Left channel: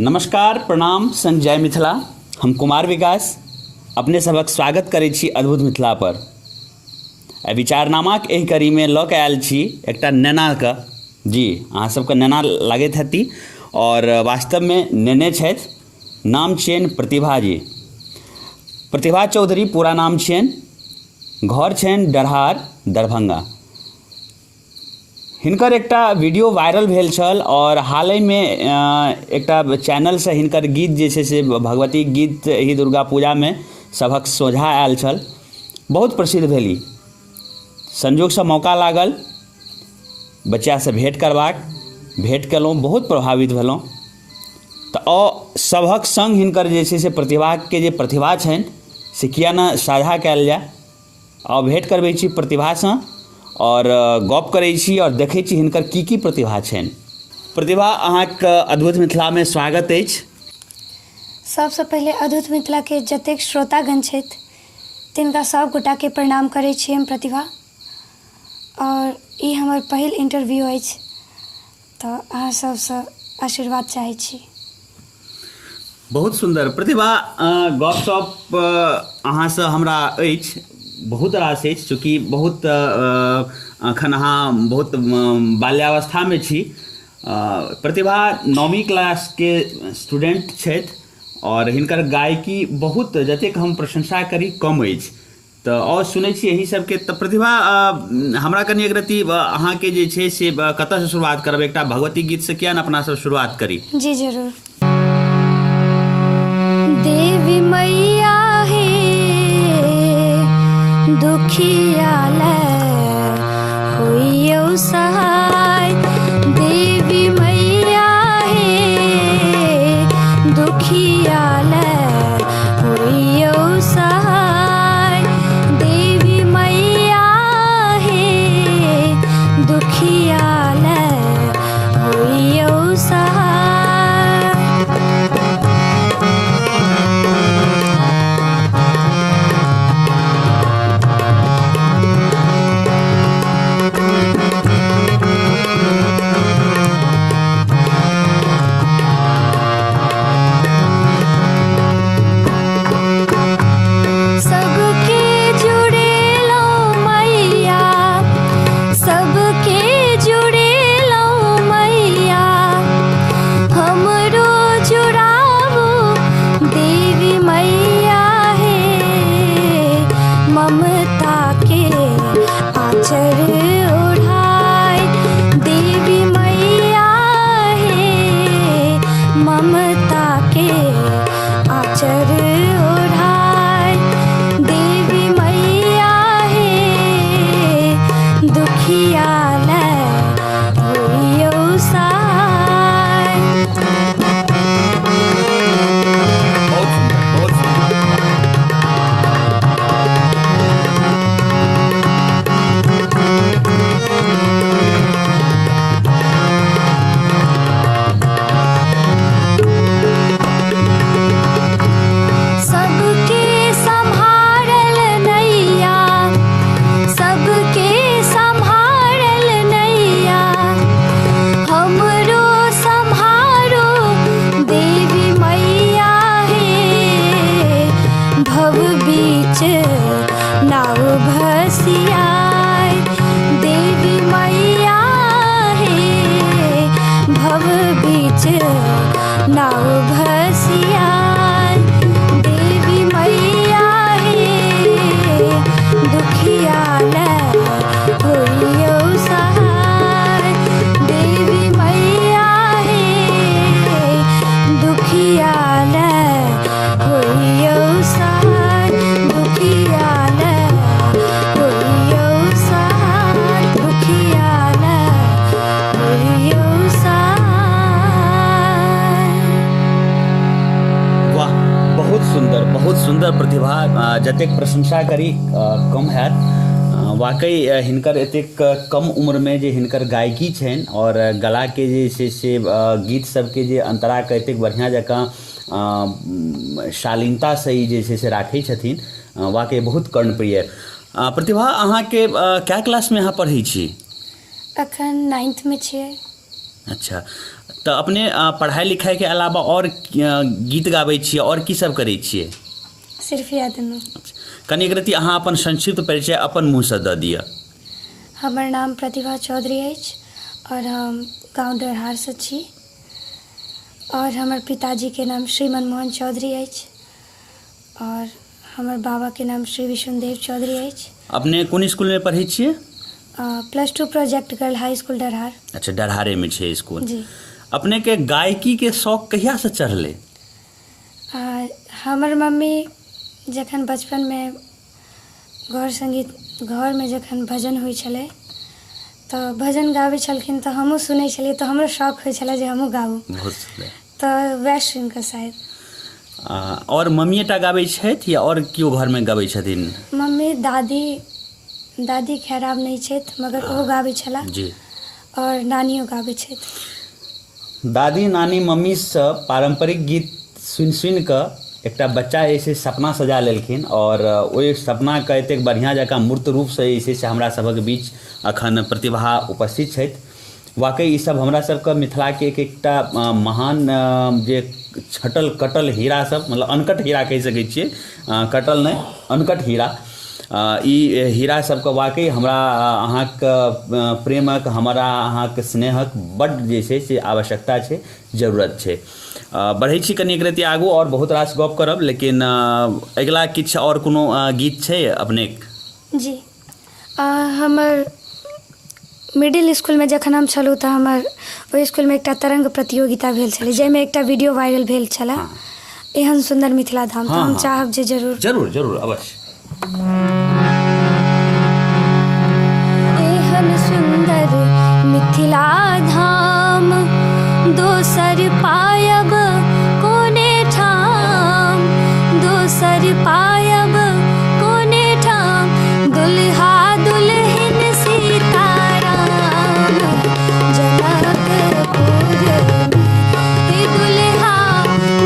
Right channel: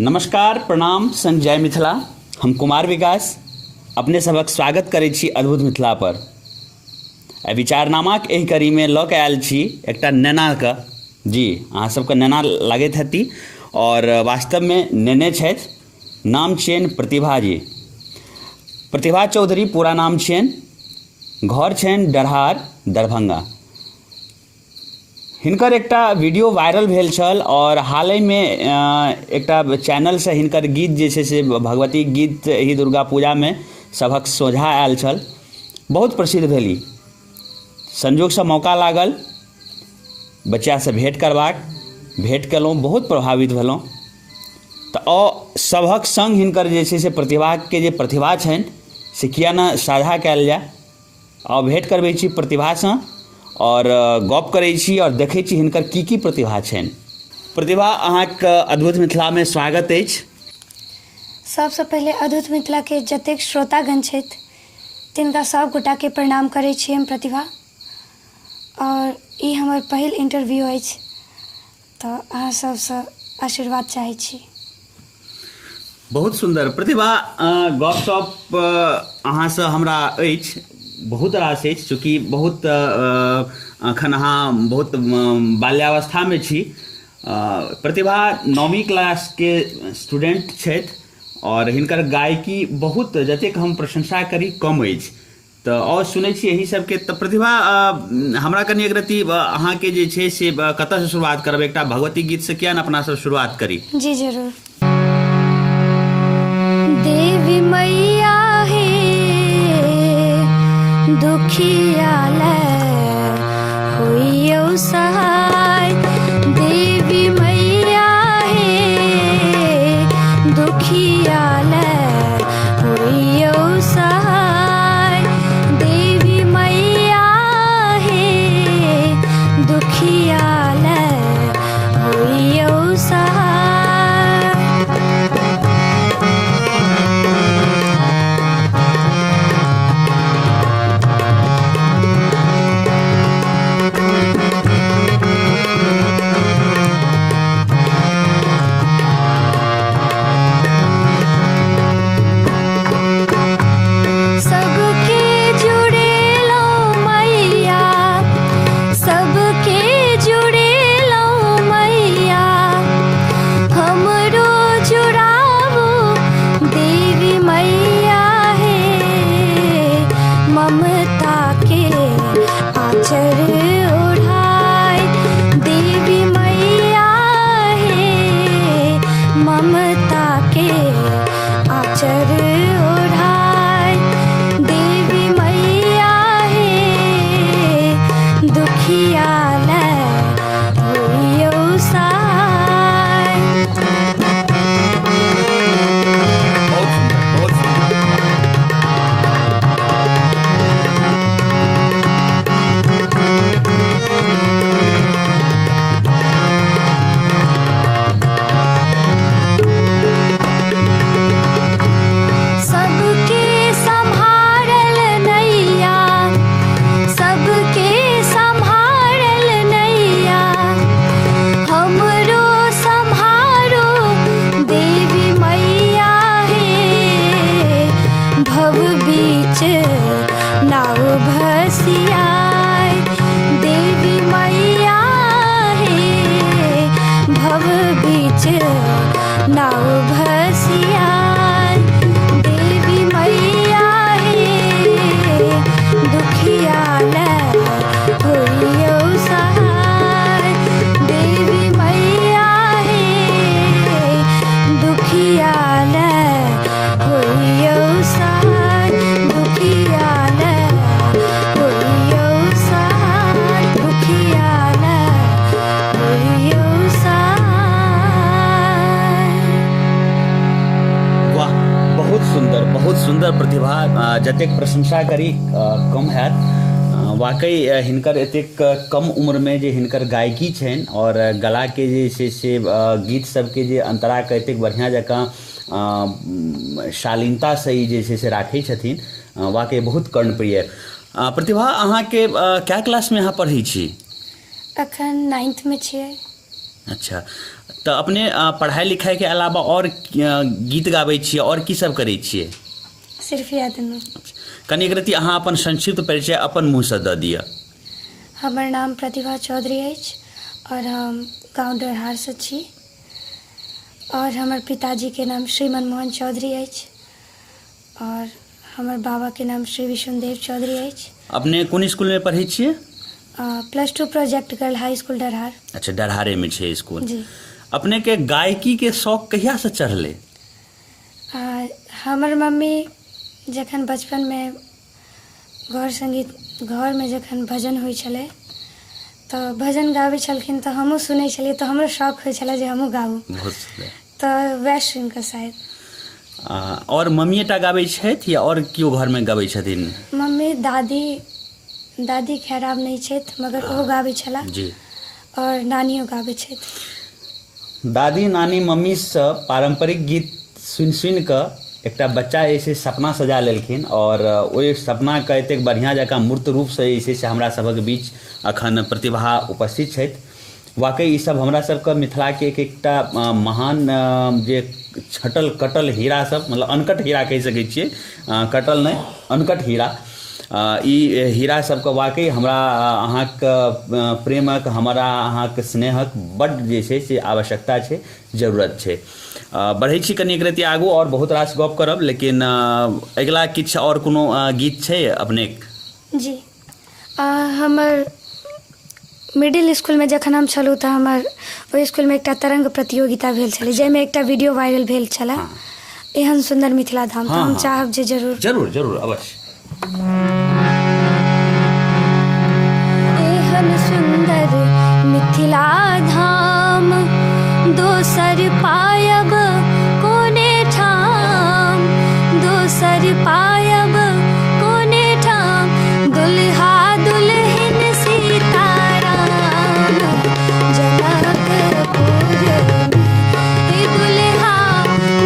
नमस्कार, प्रणाम, संग जय मिथिला। हम कुमार विकास अपने सबक स्वागत करै छी अद्भुत मिथिला पर। विचारनामाक एहि कड़ी में लऽ के आयल छी एकटा नेनाके। जी, अहाँ सबके नेना लागैत हेती और वास्तव में नेने छथि। नाम छियनि प्रतिभा जी, प्रतिभा चौधरी पूरा नाम छियनि। घर छनि डरहार, दरभंगा। हिनकर एकटा वीडियो वायरल भेल छल और हाल ही में एकटा चैनल से हिनकर गीत जे छै से भगवती गीत एहि दुर्गा पूजा में सभक सोझा आयल छल, बहुत प्रसिद्ध भेली। संजोग से मौका लागल बच्चा से भेंट करबाक, भेंट केलहुँ, बहुत प्रभावित भेलहुँ। तऽ सभक संग हिनकर जे छै से प्रतिभाके जे प्रतिभा छनि से किया न साझा कयल जाय। भेंट करबै छी प्रतिभासँ और गप करै छी और देखै छी हिनकर की प्रतिभा छनि। प्रतिभा, अहाँके अद्भुत मिथिला में स्वागत अछि। सबसँ पहिले अद्भुत मिथिला के जतेक श्रोतागण छथि तिनका सब गोटा के प्रणाम करै छी हम प्रतिभा। और ई हमर पहिल इंटरव्यू अछि, तऽ अहाँ सबसँ आशीर्वाद चाहै छी। बहुत सुंदर प्रतिभा। गपशप अहाँसँ हमरा अछि, बहुत रास अछि, चूँकि बहुत अखन अहाँ बहुत बाल्यावस्था में छी। प्रतिभा 9वीं क्लास के स्टूडेंट छथि और हिनकर गायकी बहुत, जतेक हम प्रशंसा करी कम अछि। तऽ और सुनै छी यही सबके। तऽ प्रतिभा, हमरा कनि एक रत्ती अहाँके जे छै से कतऽसँ शुरुआत करब? एकटा भगवती गीत से किया न अपना सब शुरुआत करी? जी जरूर। देवी मैया हे दुखिया ले होइयौ सहाय। देवी मैया हे दुखिया ले होइयौ सहाय। देवी मैया हे दुखिया ले होइयौ सहाय। जतेक प्रशंसा करी कम हैत। वाकई हिनकर एतेक कम उम्र में जे हिनकर गायकी छनि और गला के जे छै से गीत सबके जे अंतरा के एतेक बढ़िया जकाँ शालीनता से ई जे छै से राखै छथिन, वाकई बहुत कर्णप्रिय। प्रतिभा, अहाँके क्या क्लास में अहाँ पढ़ै छी? अखन 9th में छियै। अच्छा, तऽ अपने पढ़ाई लिखाई के अलावा और गीत गाबै छियै और की सब करै छियै? सिर्फ इएह दुनू। कनि एक रति अहाँ अपन संक्षिप्त परिचय अपन मुँहसँ दऽ दिअ। हमर नाम प्रतिभा चौधरी अछि और हम गाँव डरहारसँ छी और हमर पिताजीके नाम श्री मनमोहन चौधरी अछि और हमर बाबाके नाम श्री विष्णुदेव चौधरी अछि। अपने कोन स्कूलमे पढ़ै छियै? +2 project girl high school Darhar. अच्छा, डरहारेमे छै स्कूल। जी। अपने के गायकी के शौक कहिया से चढ़ले? हमर मम्मी जखन बचपनमे घरमे जखन भजन होइ छलै तऽ भजन गाबै छलखिन तऽ हमहूँ सुनै छलियै तऽ हमरो शौक होइ छलै जे हमहूँ गाबू। बहुत सुन्दर। तऽ वएह सुनि कऽ शायद। और मम्मी टा गाबै छथि या और केओ घरमे गाबै छथिन? मम्मी दादी खैर आब नहि छथि मगर ओहो गाबै छलाह। जी। और नानियो गाबै छथि। दादी नानी मम्मीसँ पारंपरिक गीत सुनि कऽ एकटा बच्चा जे छै सपना सजा लेलखिन और ओहि सपनाके एतेक बढ़िआँ जकाँ मूर्त रूपसँ जे छै से हमरा सभक बीच अखन प्रतिभा उपस्थित छथि। वाकई ई सब हमरा सबके मिथिलाके एकटा महान जे छटल कटल हीरा सब, मतलब अनकट हीरा कहि सकै छियै, कटल नहि अनकट हीरा। ई हीरा सबके वाकई हमरा अहाँके प्रेमक, हमरा अहाँके स्नेहक बड्ड जे छै से आवश्यकता छै, जरूरत छै। बढ़ै छी कनि एक रति आगू और बहुत रास गप करब, लेकिन अगिला किछु और कोनो गीत छै अपने? जी। हमर मिडिल स्कूलमे जखन हम छलहुँ तऽ हमर ओहि स्कूलमे एकटा तरंग प्रतियोगिता भेल छलै जाहिमे एकटा वीडियो वायरल भेल छलै। एहन सुन्दर मिथिला धाम। तऽ हम चाहब जे जरूर अवश्य। एहन सुन्दर मिथिला धाम दोसर पायब कोने ठाम, दोसर पायब कोने ठाम, दुल्हा दुल्हन सीताराम जनकपुर में। दुल्हा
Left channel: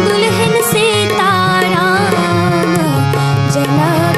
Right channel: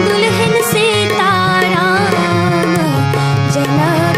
दुल्हन सीताराम जनक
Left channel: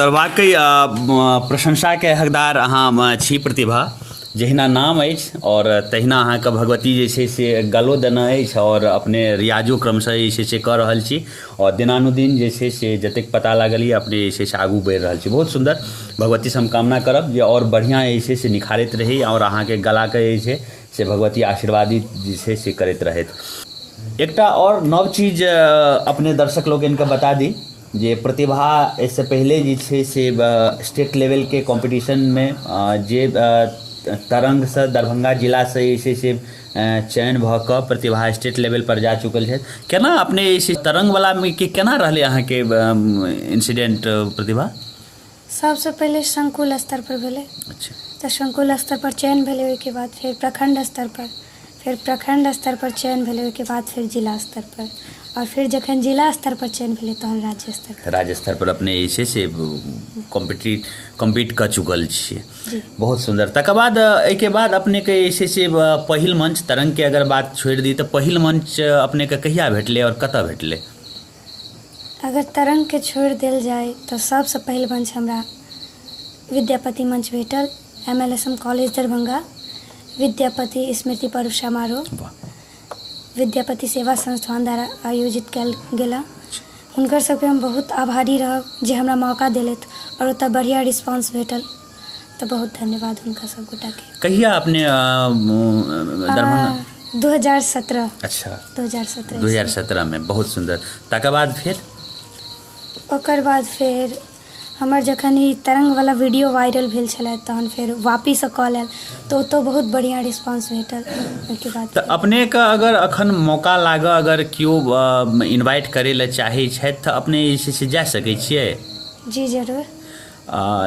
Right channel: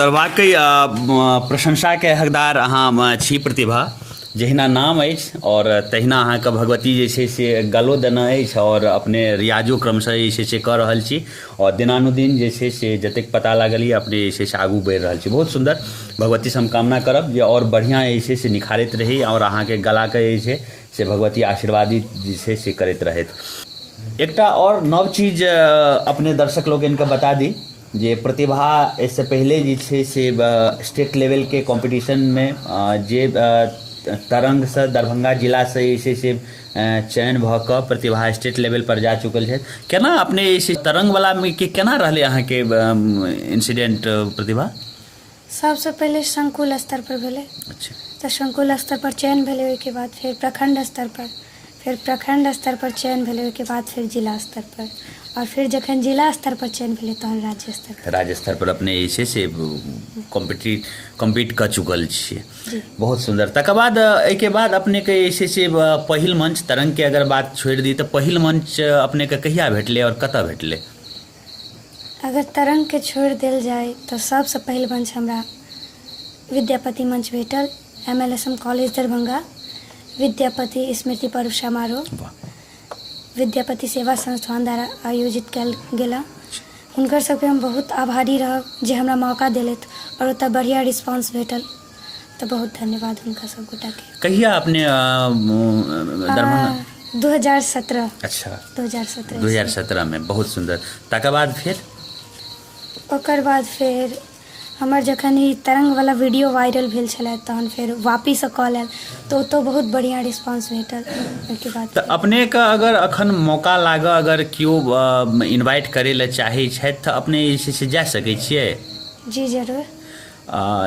सुंदर वाकई प्रशंसा के हकदार अहाँ छी प्रतिभा। जहिना नाम अछि और तहिना अहाँके भगवती जे छै से गलो देना अछि और अपने रियाजो क्रमशः जे छै से कऽ रहल छी और दिनानुदिन जे छै से जतेक पता लागल यऽ अपने जे छै से आगू बढ़ि रहल छी। बहुत सुंदर। भगवती से हम कामना करब जे और बढ़िया जे छै से निखारैत रही और अहाँके गलाके जे छै से भगवती आशीर्वादित जे छै से करैत रहथि। एकटा और नव चीज अपने दर्शक लोगन के बता दी जे प्रतिभा इससे पहले जे छै से स्टेट लेवल के कंपटीशन में जे तरंग से दरभंगा जिला से जे छै से चयन भऽ कऽ प्रतिभा स्टेट लेवल पर जा चुकल छै। केना अपने इस तरंग वाला में के केना रहले अहाँ के इंसिडेंट प्रतिभा? सबसे पहले संकुल स्तर पर भेले। अच्छा। तो संकुल स्तर पर चयन भेले, ओहिके बाद फिर प्रखंड स्तर पर, फिर प्रखंड स्तर पर चयन भेले, ओहिके बाद फिर जिला स्तर पर, और फिर जखन जिला स्तर पर चयन भेले तहन राज्य स्तर पर। राज्य स्तर पर अपने जे छै से कम्पीट कऽ चुकल छियै। बहुत सुंदर। तकर बाद एहिके बाद अपने के जे छै से पहिल मंच तरंग के अगर बात छोड़ि दी तऽ पहिल मंच अपने के कहिया भेटले और कतऽ भेटले? अगर तरंग के छोड़ देल जाए तो सबसे पहिल मंच हमरा विद्यापति मंच भेटल। MLSM कॉलेज दरभंगा विद्यापति स्मृति पर्व समारोह विद्यापति सेवा संस्थान द्वारा आयोजित कयल गेला। हुनकर सबके हम बहुत आभारी रहब जे हमरा मौका देलथि और ओतऽ बढ़िया रिस्पांस भेटल, तो बहुत धन्यवाद हुनका सब गोटा के। कहिया अपने दरभंगा? 2017। अच्छा, 2017 में। बहुत सुंदर। तकर बाद फिर ओकर बाद फिर हमर जखन ई तरंग वाला वीडियो वायरल भेल छलै तहन फिर वापिस कॉल आयल तो ओतऽ बहुत बढ़िया रिस्पांस भेटल। ओहिके बाद तऽ अपने के अगर अखन मौका लागऽ, अगर केओ इनवाइट करै लए चाहै छथि तऽ अपने जे छै से जा सकै छियै? जी जरूर।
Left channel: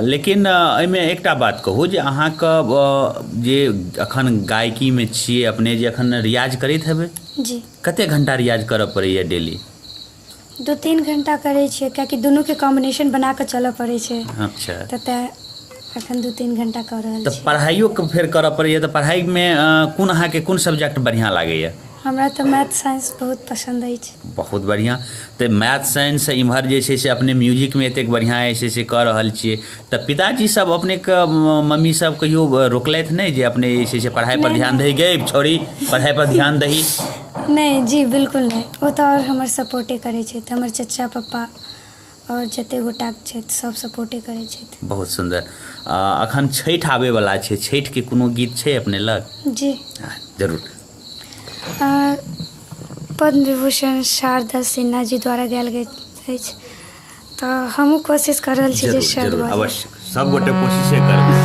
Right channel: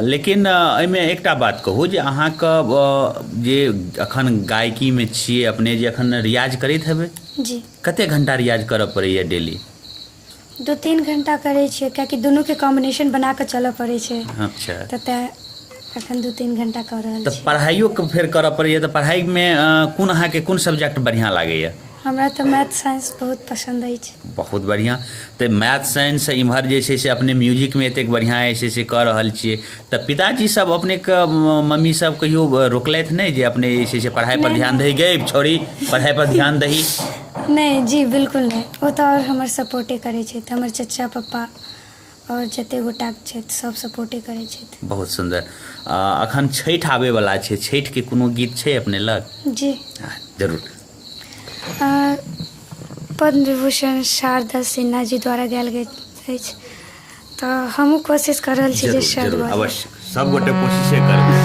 लेकिन एहिमे एकटा बात कहू जे अहाँके जे अखन गायकीमे छियै अपने, जे अखन रियाज करैत हेबै, जी कते घंटा रियाज करऽ पड़ैए डेली? 2-3 घंटा करै छियै, कियाकि दुनू के कॉम्बिनेशन बना कऽ चलऽ पड़ै छै। अच्छा। तऽ अखन 2-3 घंटा कऽ रहल तऽ छी। पढ़ाइयो फेर करऽ पड़ैए, तऽ पढ़ाइमे कोन अहाँके कोन सब्जेक्ट बढ़िआँ लागैए? हमरा तऽ मैथ साइंस बहुत पसंद अछि। बहुत बढ़िया। तो मैथ साइंस इम्हर जे छै से अपने म्यूजिक में एतेक बढ़िया जे छै कऽ रहल छियै, तऽ पिताजी सब अपने के मम्मी सब कहियो रोकलथि नहीं जे अपने जे छै से पढ़ाई पर ध्यान दही, गे छोड़ी पढ़ाई पर ध्यान दही? नहीं जी, बिल्कुल नहीं। वो तो और हमर सपोर्टे करै छै। हमर चचा पप्पा और जते गोटा छै सब सपोर्टे करै छै। बहुत सुंदर। अखन छठि आबै वाला छै, छठि के कोनो गीत छै अपने लग? जी जरूर। पद्म विभूषण शारदा सिन्हा जी द्वारा गायल गेल अछि, तऽ हमहूँ कोशिश कर रहल छी जे जरूर अवश्य सब गोटे कोशिशे करब।